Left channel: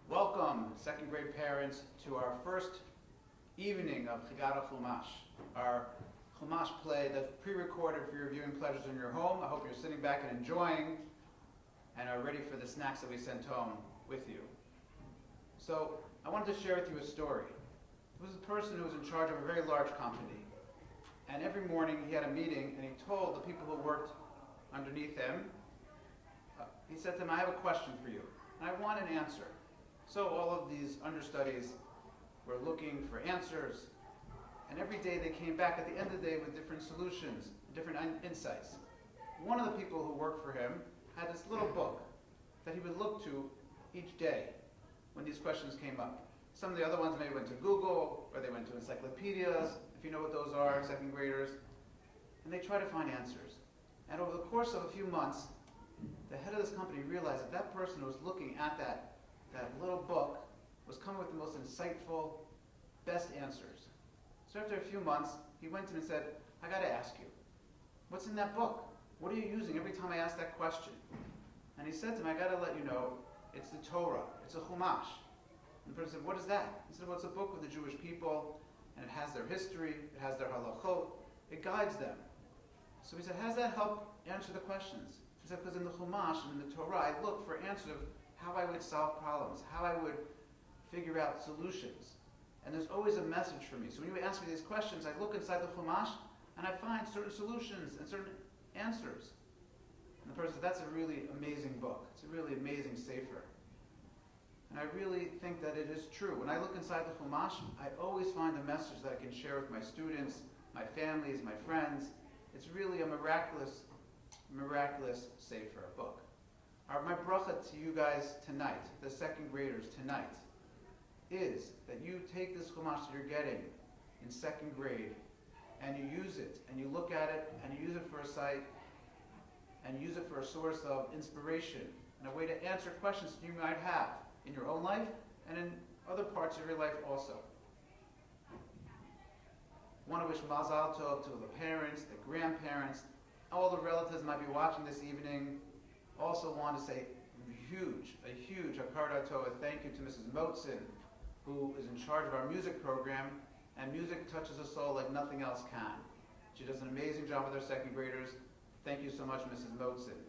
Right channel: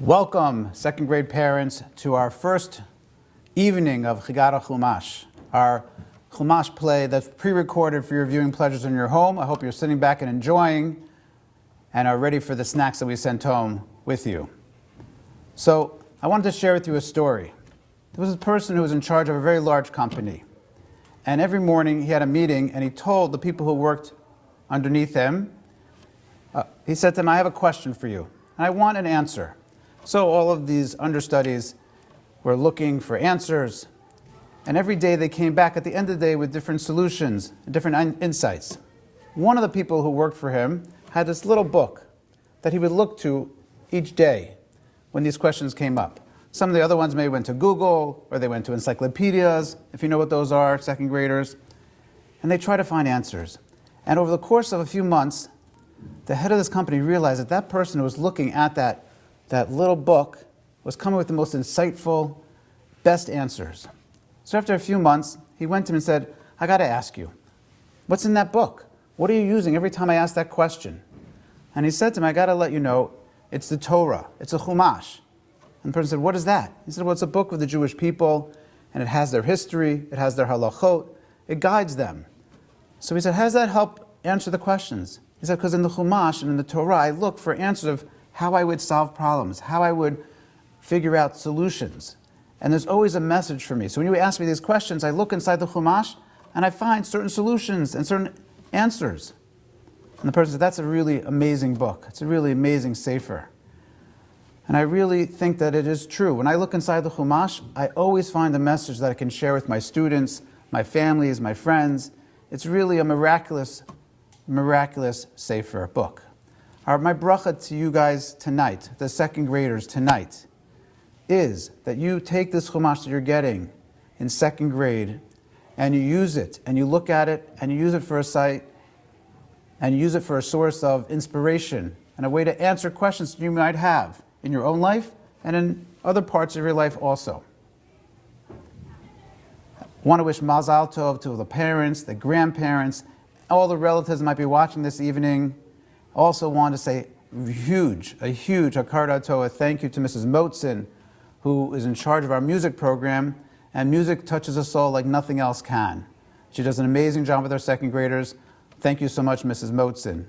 Welcome, second grade parents, to our first evening of Chigara Chumash, our Chumash play that's pre-recorded for your viewing pleasures in your home. I hope you're sitting back and enjoying and are ready for the snacks that we sent home with you. So I wanted to share with you a story. There was a person who was in charge of a very large company. And every morning he had a meeting and he told the people who worked underneath him, he said to them, I have a question for you, and I want an answer. So all of these understudies were looking for answers, and every day they came back at the end of the day with different solutions, different insights. One of the people who worked for him had this little book that he would look to each day when these questions came up. Some of the other ones maybe went to Google, or they went to encyclopedias, if you know what those are, second graders, and they try to find answers. And over the course of a few months, the head of this company realized that that person who was looking at that little book was coming with the most insightful, best answers. So after a few months, he went to him and said, I got to ask you, what's in that book? What are you using every time I ask that question? And he said to him, I got to let you know, it's the Torah, it's a Chumash. And the person said, what is that? He said, well, it's a book of the Jewish people, and it has their history, it has their halachot, it guides them. So he said, how does that help answer the questions? He said, because in the Chumash and in the Torah, I look for answers of how I would solve problems, how I would figure out solutions. And there's always a message for me. So when you ask me these questions, I look inside the Chumash and I find certain solutions and certain answers. And the person said, that's a really amazing book. It's a really amazing sefer. And I really think that it is true. When I look inside the Chumash, I always find a message that I can share with my students, my families, my friends. It's really a miraculous sefer book. My bracha to you guys tonight, the second graders tonight, is that you take this Chumash that you're getting in second grade and you use it and you look at it and you use it for a sight and you use it for a source of inspiration and a way to answer questions you might have in your own life and in other parts of your life also. I want to wish Mazal Tov to the parents, the grandparents, all the relatives that might be watching this evening. Also want to say a huge Hakar Tova thank you to Mrs. Motzen, who is in charge of our music program, and music touches a soul like nothing else can. She does an amazing job with our second graders. Thank you so much, Mrs. Motzen.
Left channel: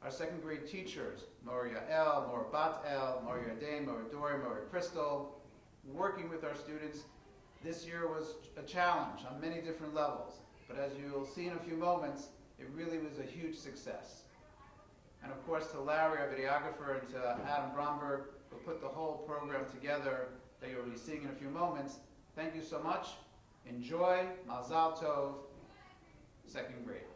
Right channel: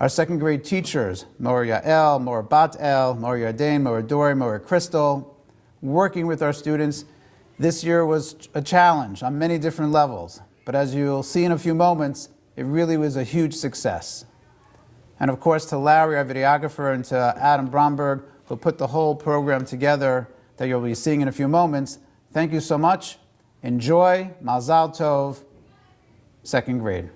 Our second grade teachers, Mor Yael, Mor Bat El, Mor Yardain, Mor Dori, Mor Crystal, working with our students. This year was a challenge on many different levels, but as you'll see in a few moments, it really was a huge success. And of course to Larry, our videographer, and to Adam Bromberg, who put the whole program together that you'll be seeing in a few moments. Thank you so much. Enjoy. Mazal Tov, second grade.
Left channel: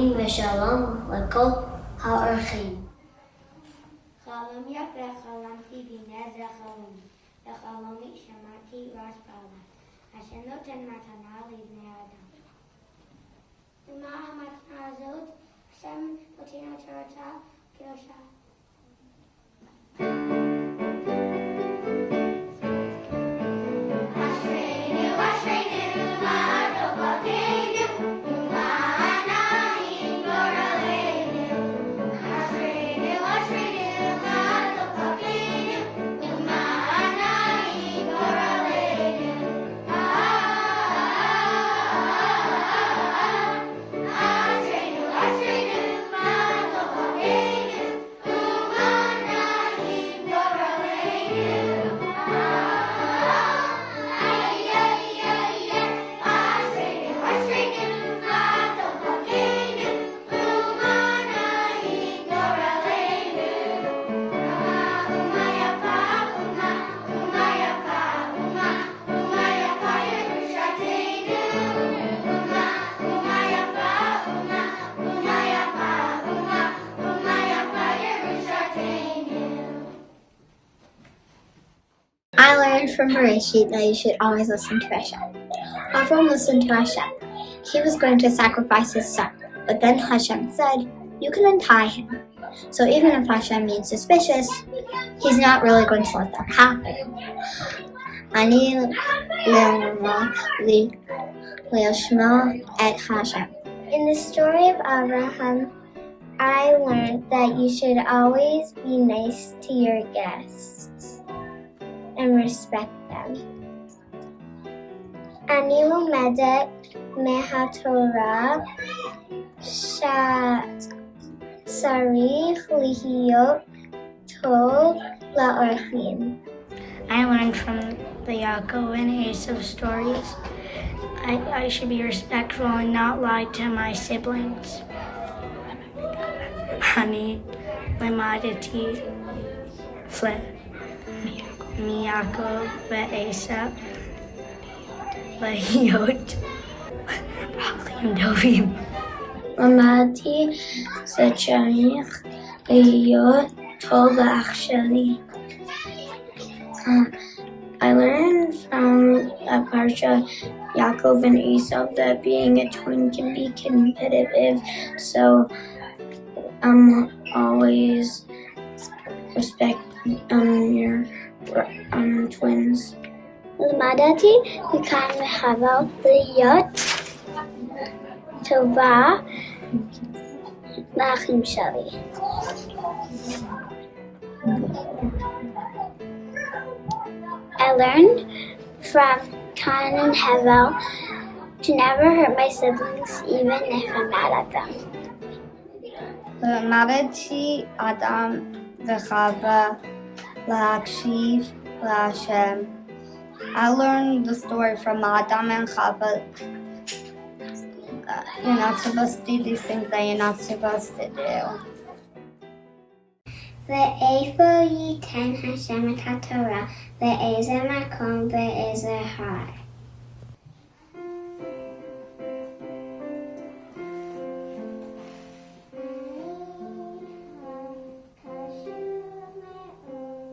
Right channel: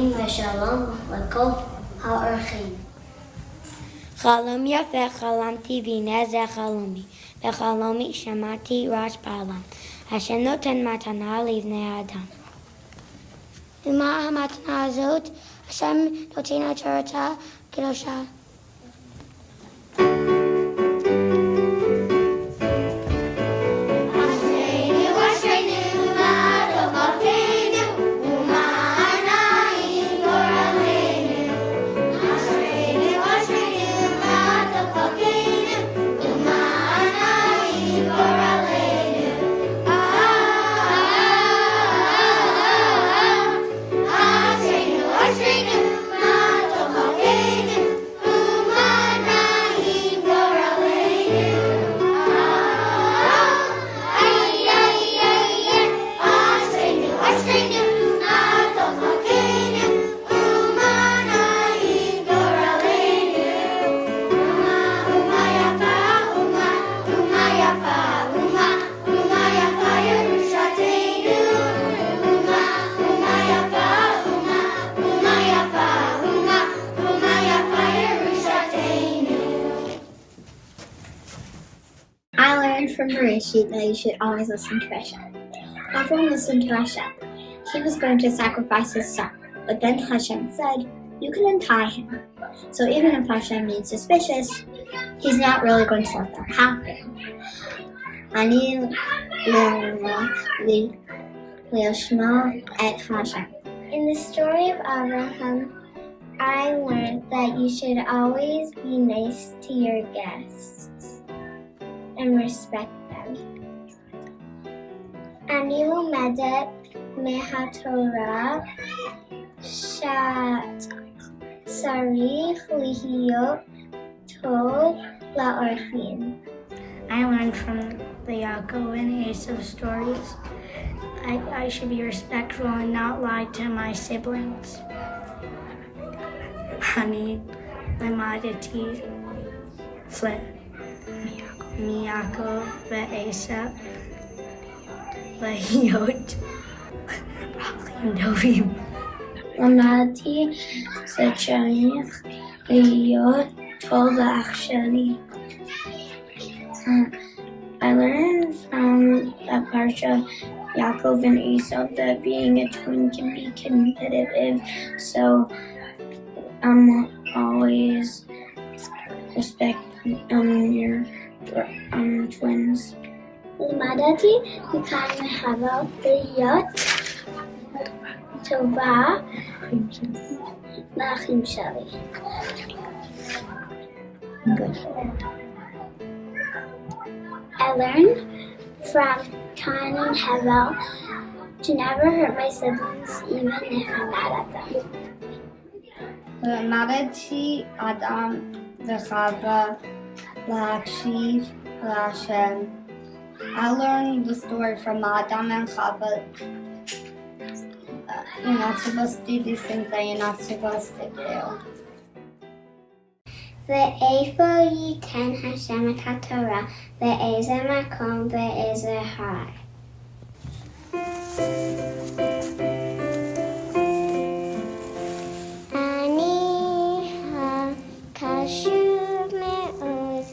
Amin v'shalom l'kol ha'orchim. חלום יפה חלמתי והנה זה חלומי, בחלומי שמעתי רעש בעולם, השם נותן מתנה לבני האדם. ומה המתנה הזאת? השם נותן תורתו קדושה. I learned from Bereshit that you should always listen to Hashem. Avram listened to Hashem. He was going to sacrifice his son, but then Hashem said, you can untie him. So even if Hashem is suspicious, he's not really going to let that happen. Ani le'ashma et Hashem. In the story of Abraham, I learned that you should always be nice to your guests and respect them. אני לומדת מהתורה שצריך להיות טוב לאורחים. I learned from the Yaakov and Esau stories. I should be respectful and not lie to my siblings. אני למדתי מיעקב ועשו להיות אחים טובים. למדתי שצריך להיות טוב לאח שלי. I learned from a parsha, Yaakov and Esau, that being a twin can be competitive, so always respect your twins. למדתי מכאן מהבל להיות טובה לאחים שלי. I learned from Cain and Hevel to never hurt my siblings even if I'm mad at them. למדתי אדם וחווה להקשיב להשם. I learned the story from Adam and Chava. You're not supposed to do these things that you're not supposed to do. ואיפה ייתן השם את התורה, באיזה מקום, באיזה הר. אני הקשוב מאוד,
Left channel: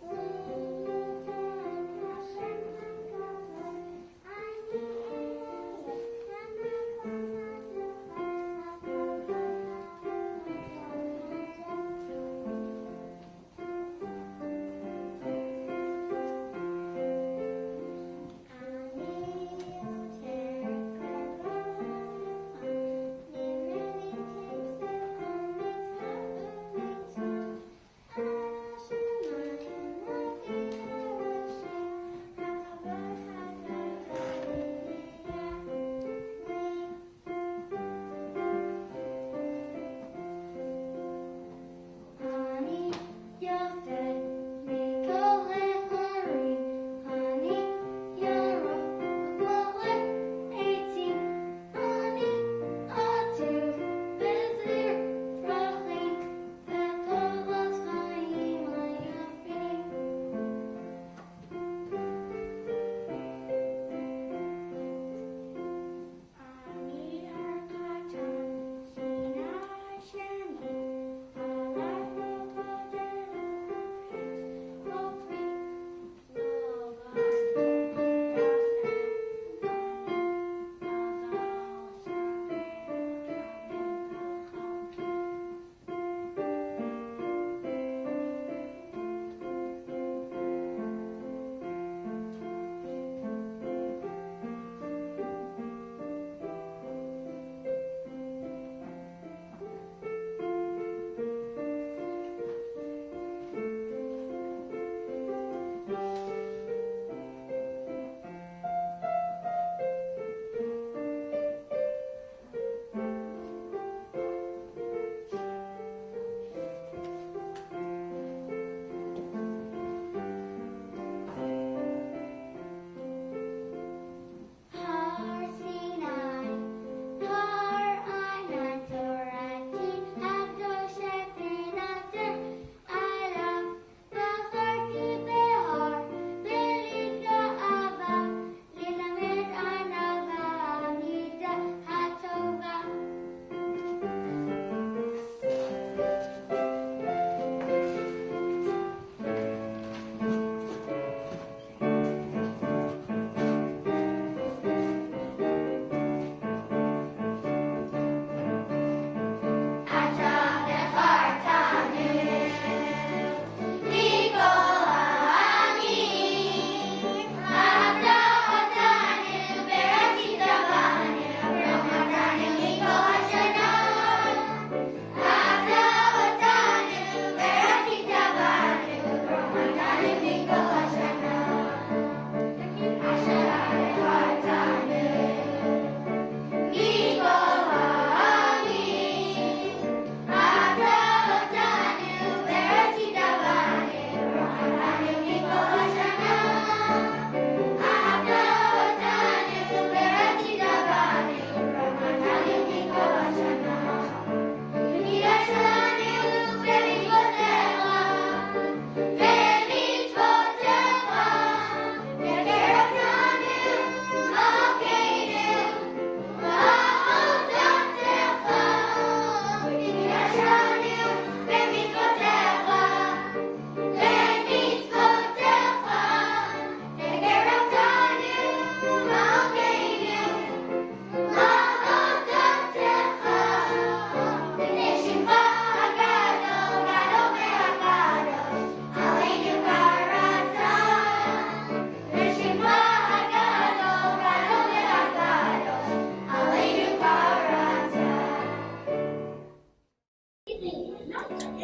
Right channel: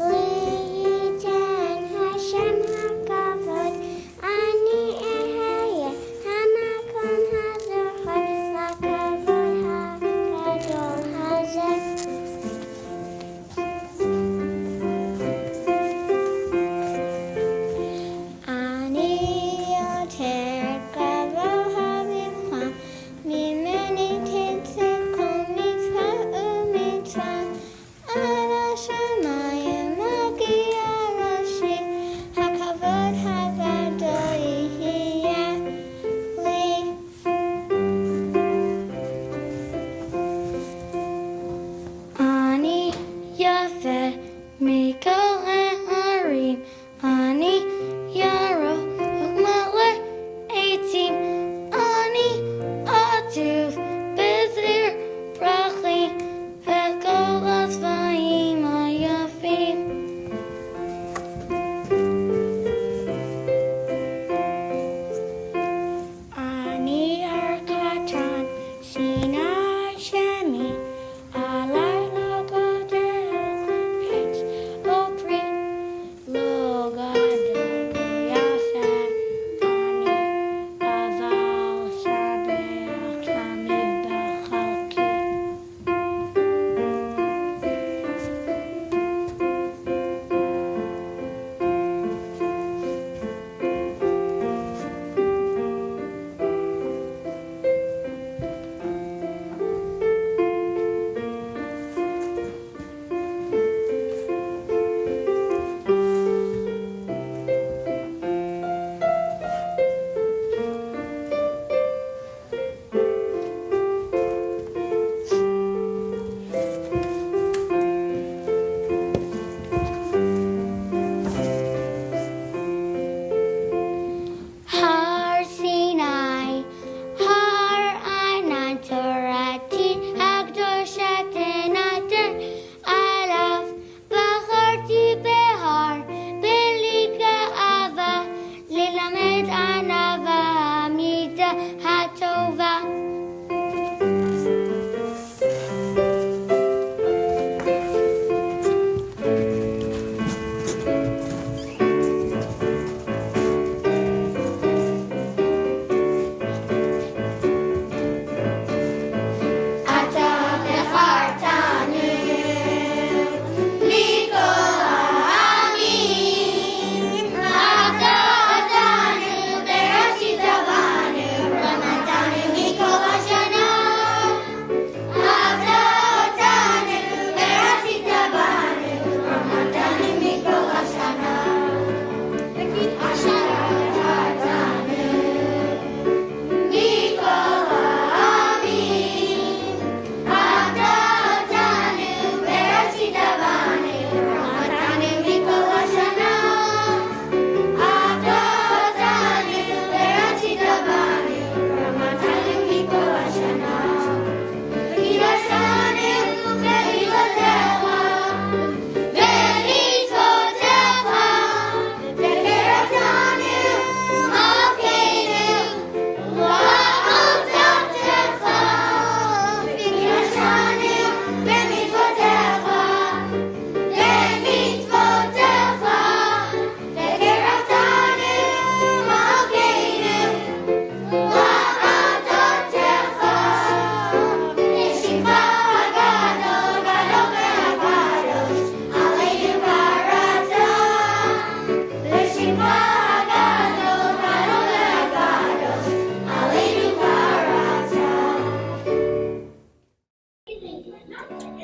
ליתן השם הכבוד, אני אהיה המקום הזוכר, לכבוד הגדול הזה.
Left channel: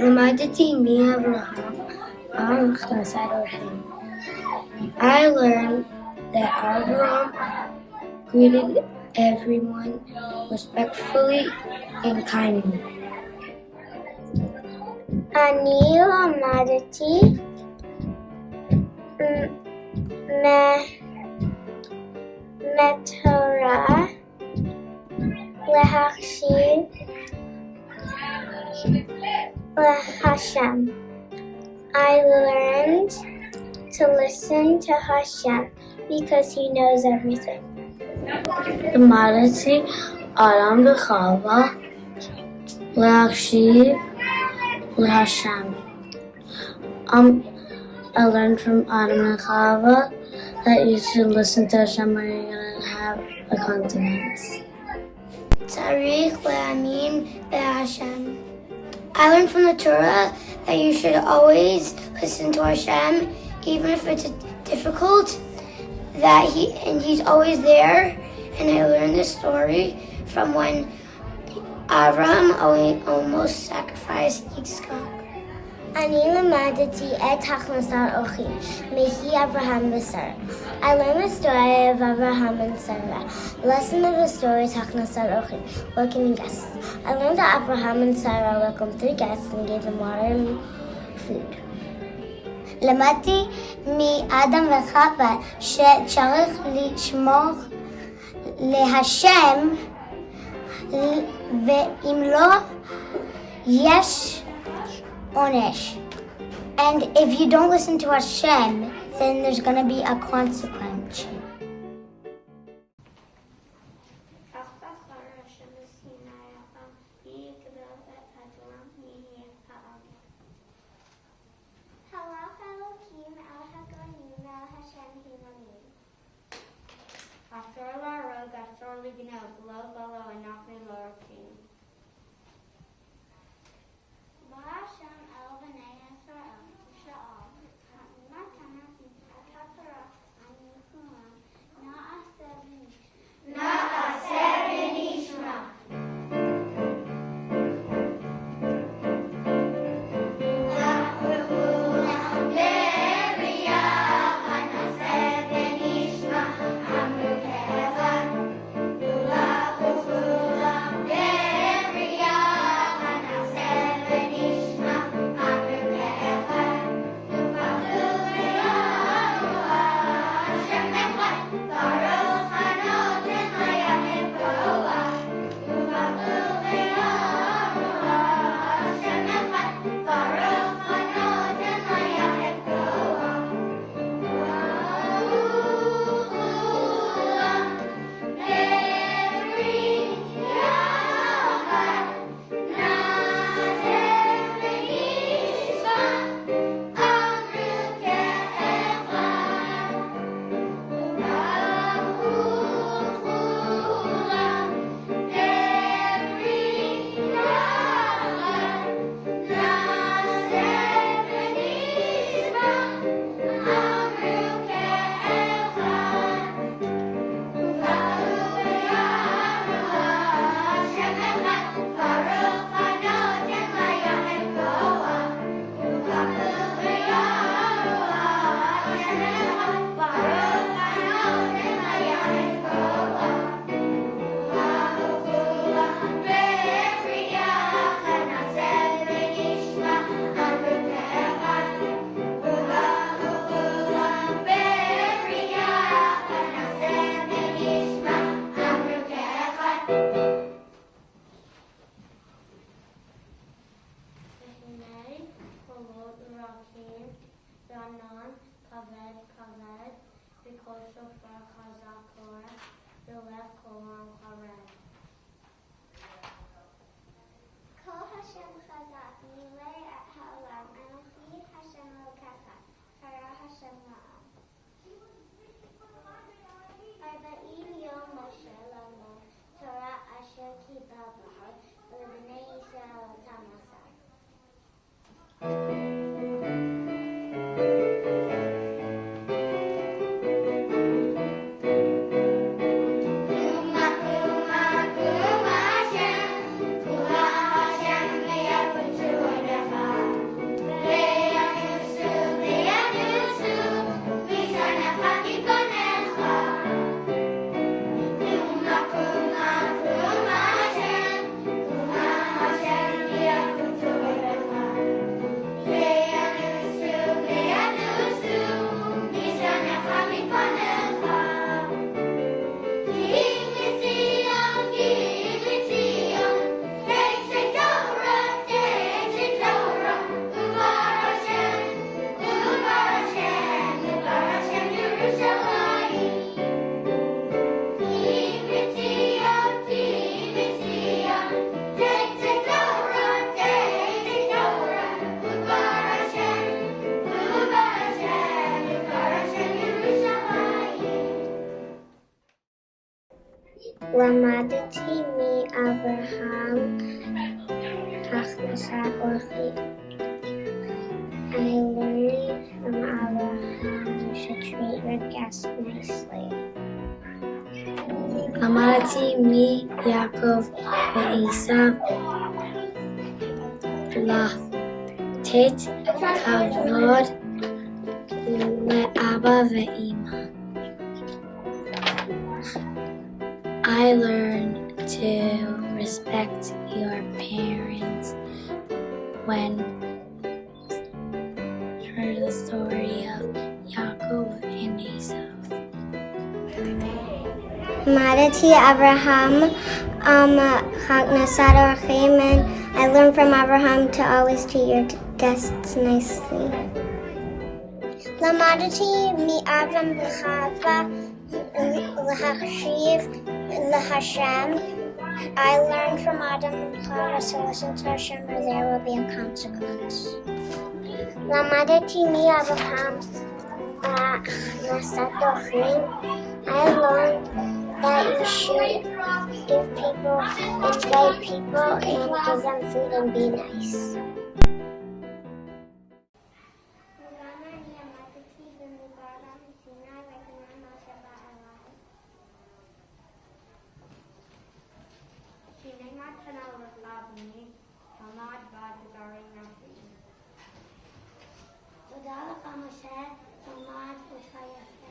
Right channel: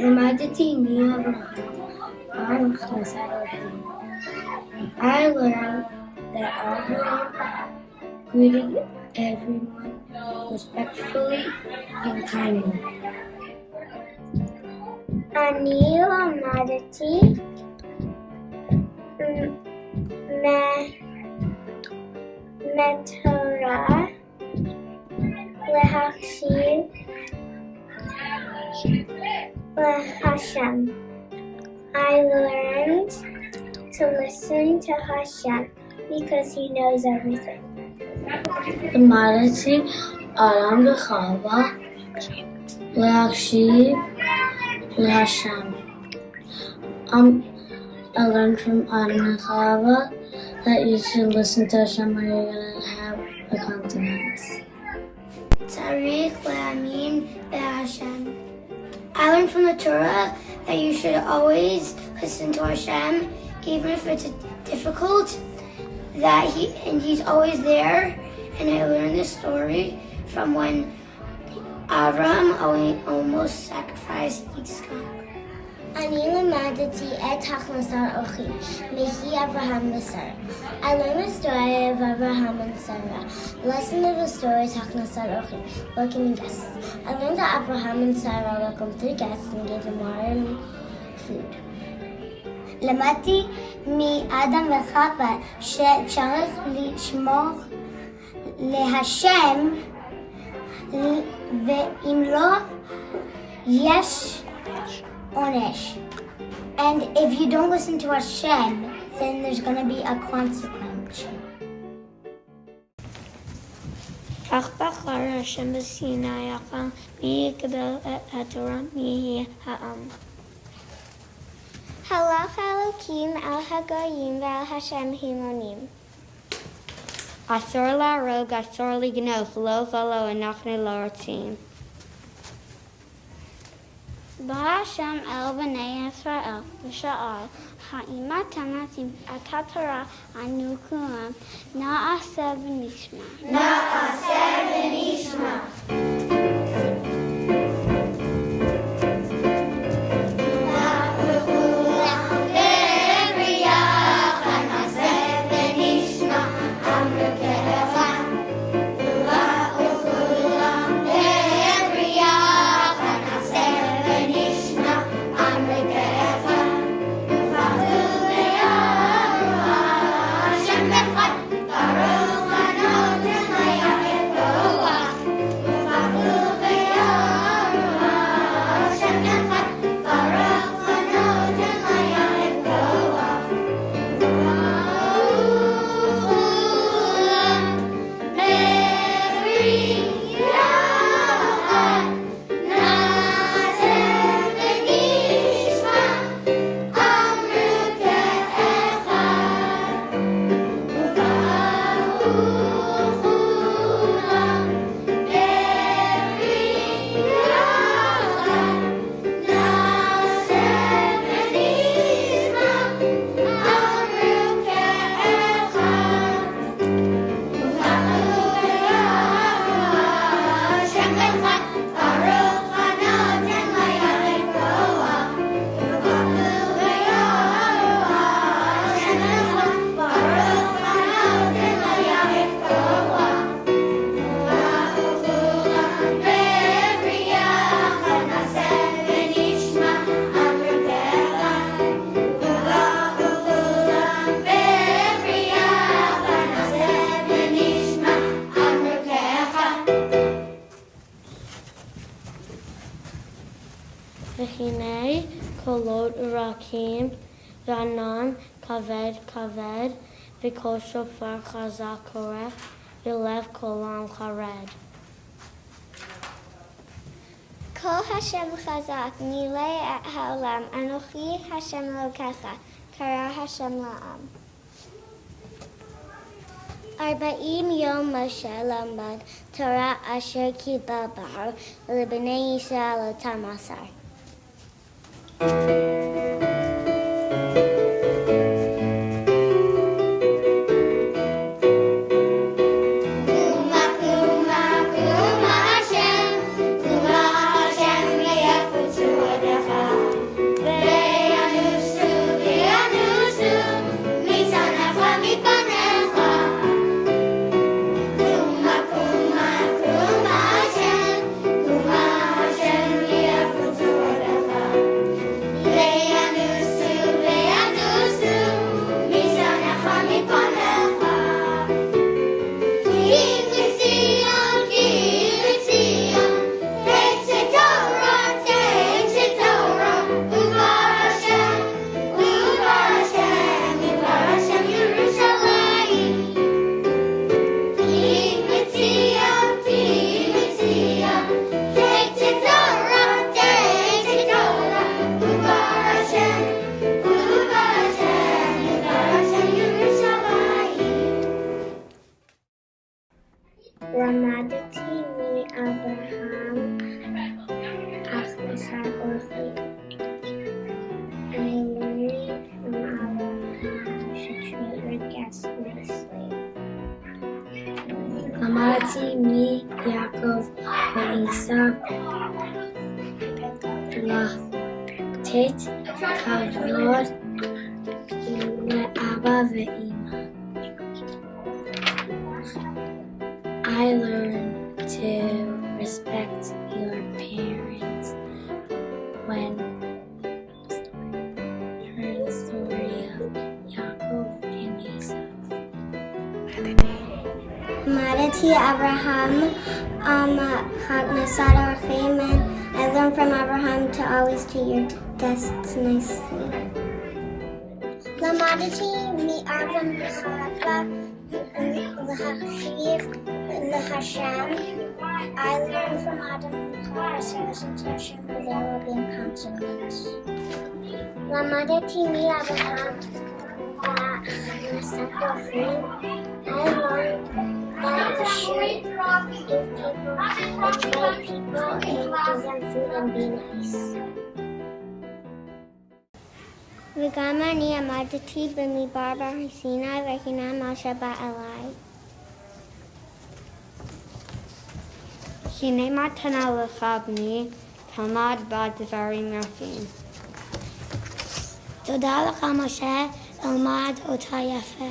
למדתי מאברהם על הכנסת אורחים. I learned that Abraham greeted everyone respectfully and kindly. אני למדתי מהתורה להקשיב להשם. I learned to listen to Hashem because he knows everything. למדתי אדם וחווה להקשיב להשם. I learned from Adam and Chava that you should listen to Hashem or you're going to have a consequence. צריך להאמין בהשם. I learned from the Torah that you should always listen to Hashem, even if it's difficult, he's always there. And I learned this story from when Avram almost sacrificed Yitzchak. אני למדתי את הכנסת אורחים מאברהם ושרה. I learned the story of Abraham and Sarah. The lesson of the story is הכנסת אורחים, welcoming guests. I learned that Abraham and Sarah welcomed 3 guests and gave them water and food. למדתי מאדם וחווה שצריך לשמור להשם, ואם לא, יש עונש. And if you don't listen to Hashem, then there's going to be a consequence. כך בחר השם בסיני יחל מי יקבל את התורה מי יהיה העם. הלך אלוקים על הגויים ועל השם המונים. אסור להרוג, אסור לגנוב, לא ולא, אנחנו לא רוצים. בא השם אל בני ישראל ושאל, האם אתם רוצים את התורה אנו כולם, נעשה ונשמע. נעשה ונשמע. והנה קולות רכים וענן כבד כבד וקול שופר חזק קורא ולב כולם חרד. כל השם חזק מילא את העולם, אנוכי השם אלוקיך, קרא השם לעם. 40 יום משה למד תורה אשר קיבל בהר, ולבני ישראל אותם מסר. למדתי מאברהם הכנסת אורחים. I learned from Abraham to treat your guests nicely. למדתי מיעקב ועשיו לתת כבוד לאבא ואמא. I learned to respect your parents when I heard the story of Yaakov and Esau. למדתי אברהם הכנסת אורחים, and I learned from Abraham to always treat your guests nicely. למדתי מאברהם וחווה להקשיב להשם. I learned from Adam and Chava to listen to Hashem, or there will be a consequence. למדתי מאברהם הכנסת אורחים. I learned that you should invite people and give them food and be nice. וגם אני עמדתי במדבר בהר סיני והנה משה בא אליי. הנה מתנה לך בני, תלמד בה דברים יפים. תודה לך משה, תלמד אותה יפה.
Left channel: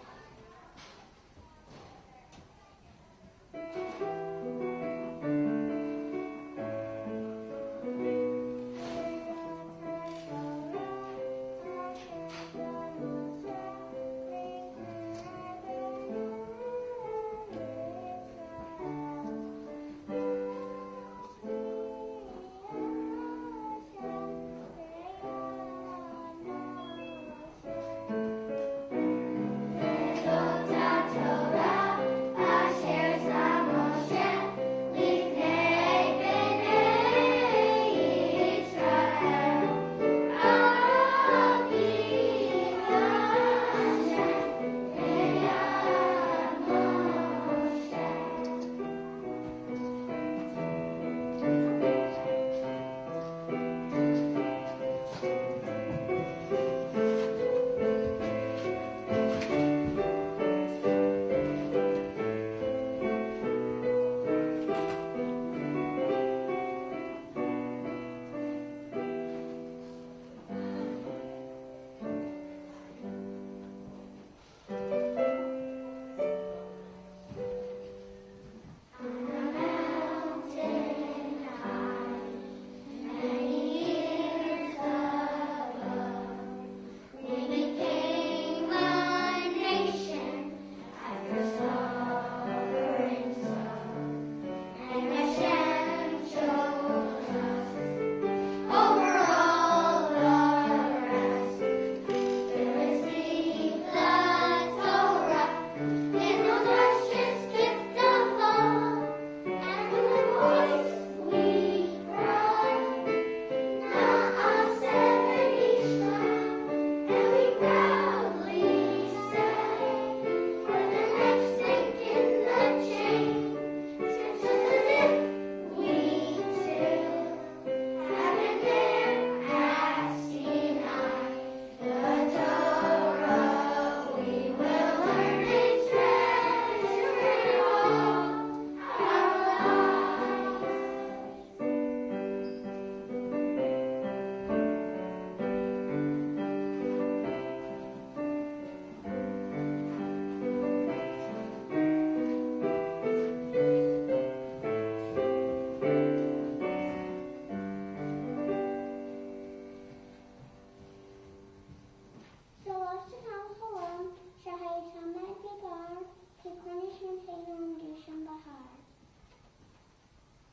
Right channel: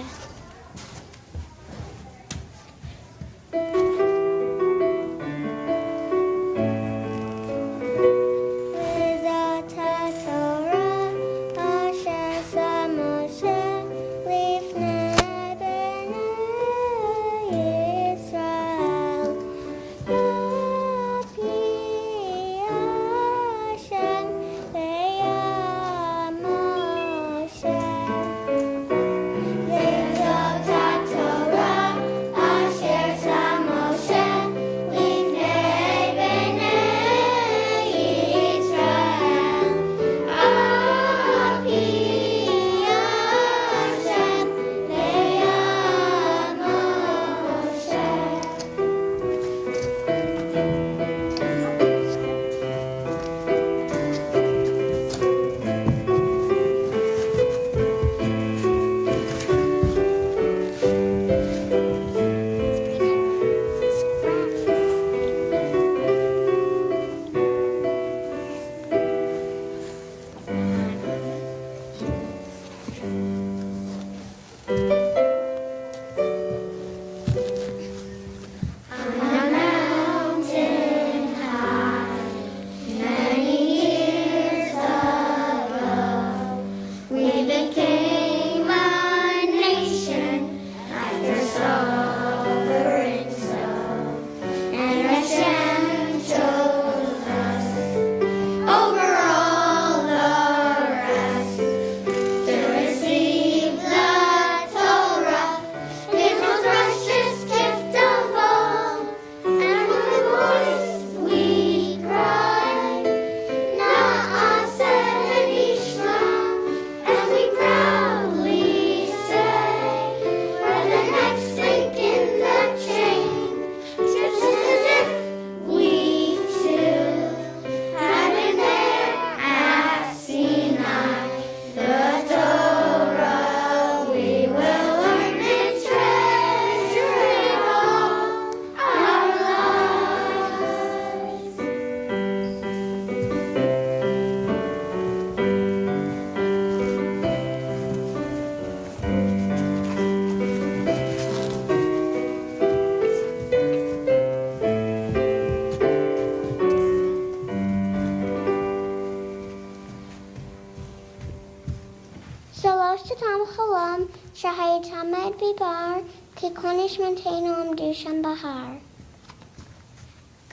שלושתם חלום שהייתמד בבר ככל נשמתנו עמדו שם בהר.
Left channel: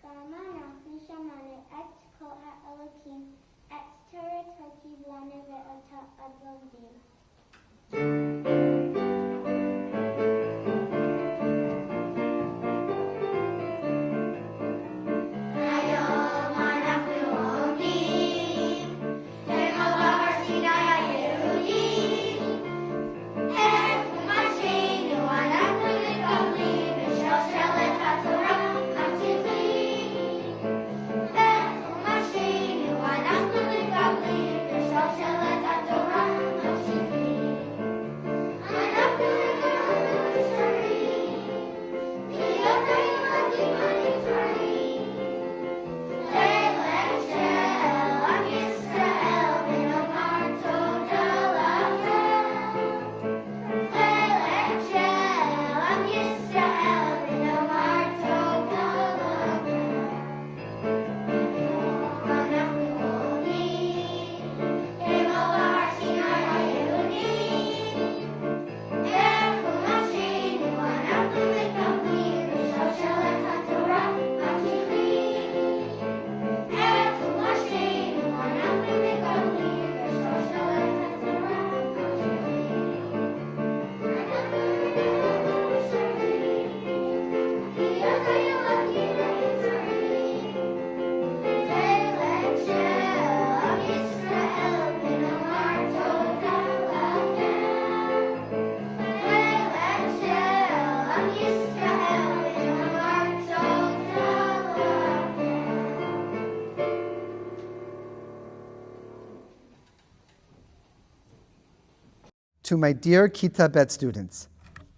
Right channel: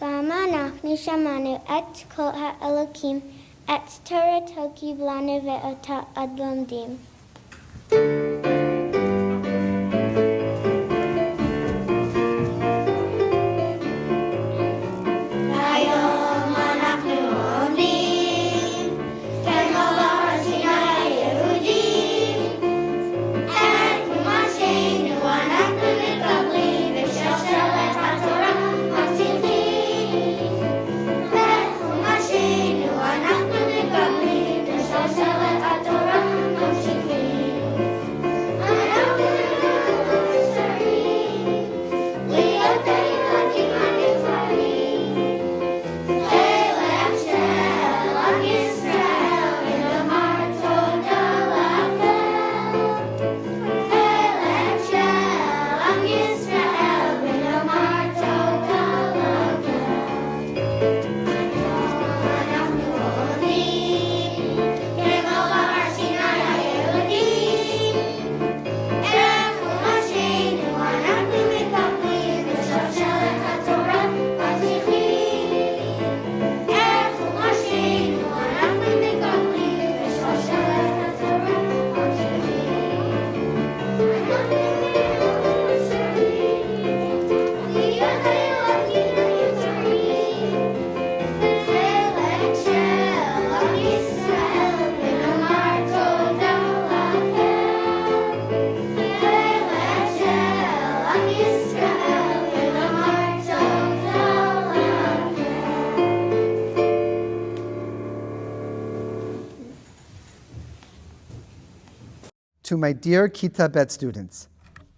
גם אנחנו שמענו את כל האלוקים, את תורתו קיבלנו ואותה עד לומדים. את חומשנו אנחנו מקבלים ושלשלת התורה To my dear Kita Bet students,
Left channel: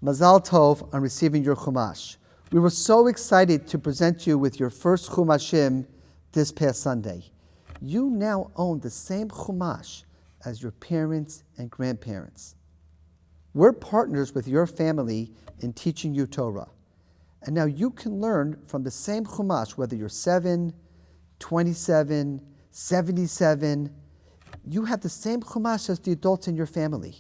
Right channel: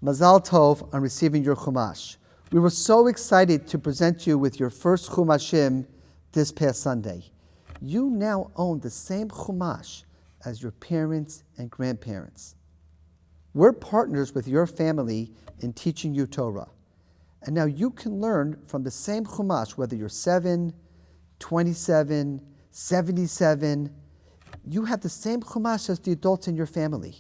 Mazal Tov on receiving your Chumash. We were so excited to present you with your first Chumashim this past Sunday. You now own the same Chumash as your parents and grandparents. We're partners with your family in teaching you Torah. And now you can learn from the same Chumash, whether you're 7, 27, 77. You have the same Chumash as the adults in your family.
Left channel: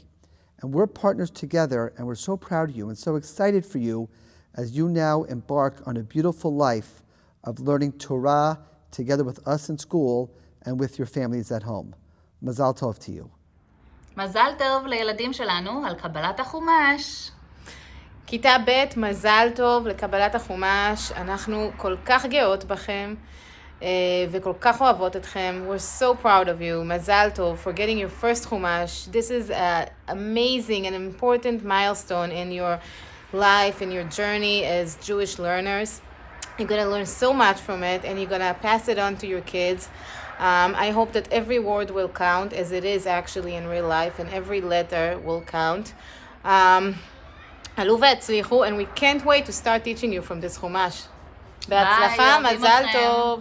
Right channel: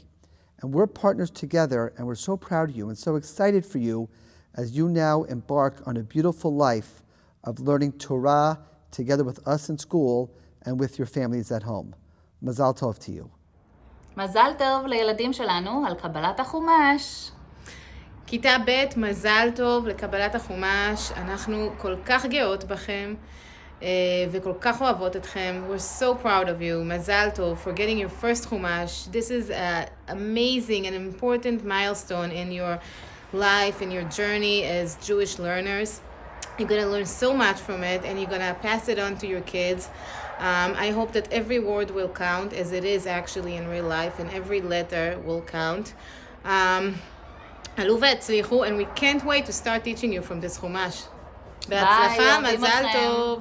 And we're partners together, and we're so proud of you and so excited for you as you now embark on a beautiful life of learning Torah together with us in school and with your families at home. Mazal Tov to you. מזל טוב לילדים שלנו על קבלת החומש. כיתה ב', מזל טוב לקבלת החומש. אנחנו כל כך גאות בכם וכל כך אוהבות אתכם. We're so proud of you. מזל טוב for getting your first חומש. This is an amazing and important milestone in your life, in your journey as Jewish learners. You're going to learn so much from it, and you're going to pass it on to your kids. I hope that every word will count, as it is actually in real life, and every letter will count. עלו והצליחו, and we can't wait to start teaching you from this חומש. בהצלחה, מזל טוב.